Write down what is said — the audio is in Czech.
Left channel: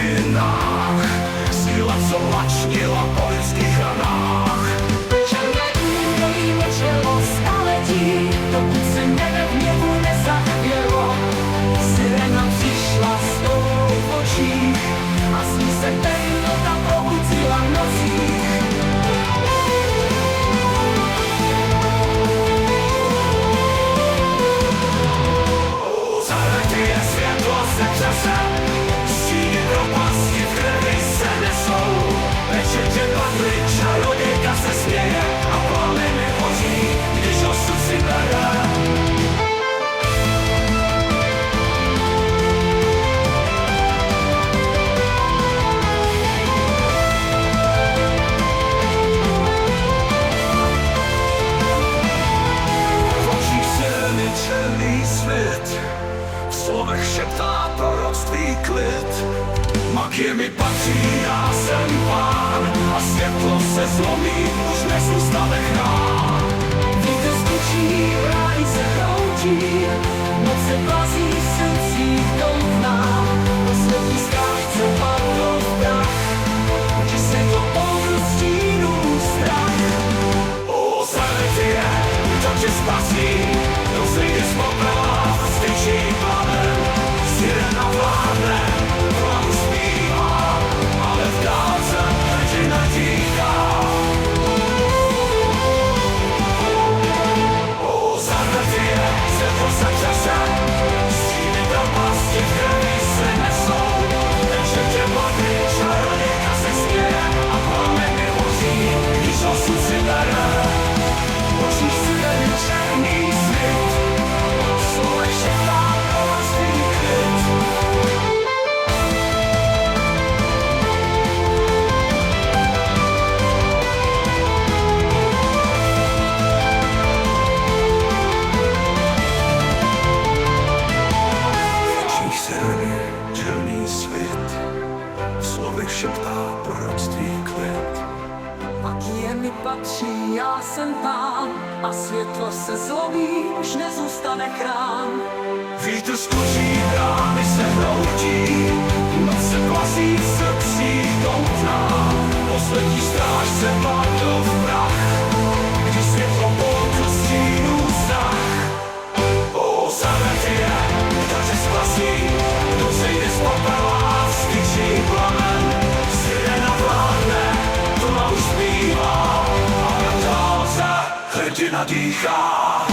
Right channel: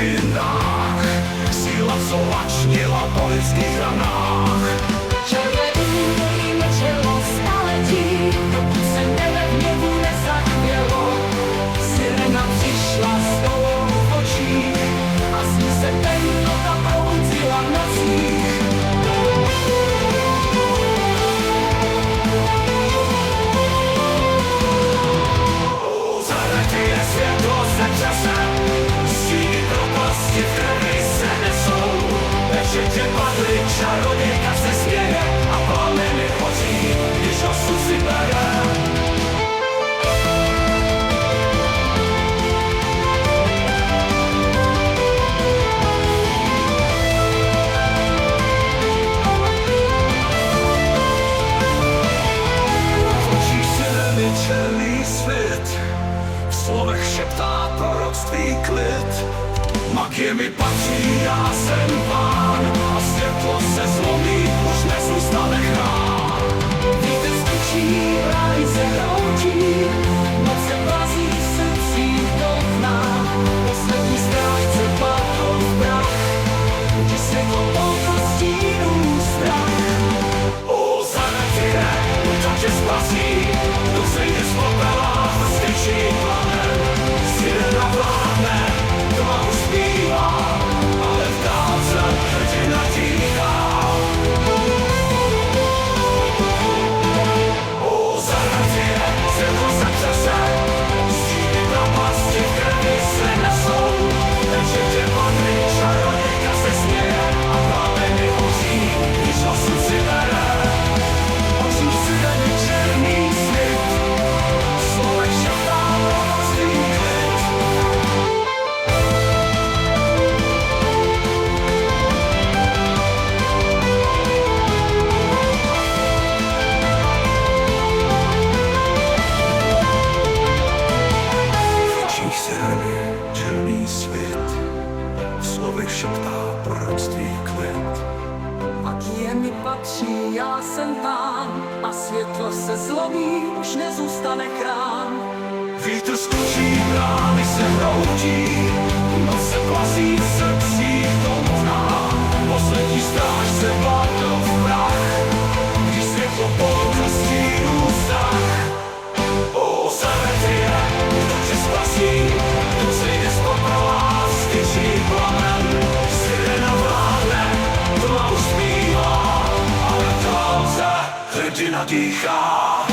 dějinách, síla, co lačnila po lidských ranách. Černé údolí mlčelo staletí, dokud se nebe v hněvu nezachvělo. Sirena přišla s tou v očích a z ní se temnota probudila v nocích. Zaretie světlo se čase, stíny propasti v krvi se nesou. Večer tě padly, čarodějka se směje a plameny hoří, když osud si bere. V očích sireny černý svět, v slovech šeptá proroctví klid. Magie mi patří, já jsem pán a světlo se zlomí, už nezůstane chrám. Vítr stučí, brány se hroutí, noc se plazí v srdcích doutná. Poslední strach chce padl v prach, když světlo poutl stínů strach. O Zaretie, kdo tě spasí, kdo sejde z popela a styčí plamen. Sirena vládne, tma uspívá, ale v dálce hrdina tíhá. O Zaretie, světlo se čase, stíny propasti v krvi se nesou. Večer tě padly, čarodějka se směje a plameny hoří, když osud si bere. V očích sireny černý svět, v slovech šeptá proroctví klid. Černý svět, v slovech šeptá proroctví klid. Magie mi patří, já jsem pán a světlo se zlomí, už nezůstane chrám. Vítr skučí, brány se hroutí, noc se plazí v srdcích doutná. Poslední strážce padl v prach, když světlo poutl stínů strach. O Zaretie, kdo tě spasí, kdo sejde z popela, styčí plamen. Sirena vládne, tma uspívá, ale v dálce hrdina dýchá.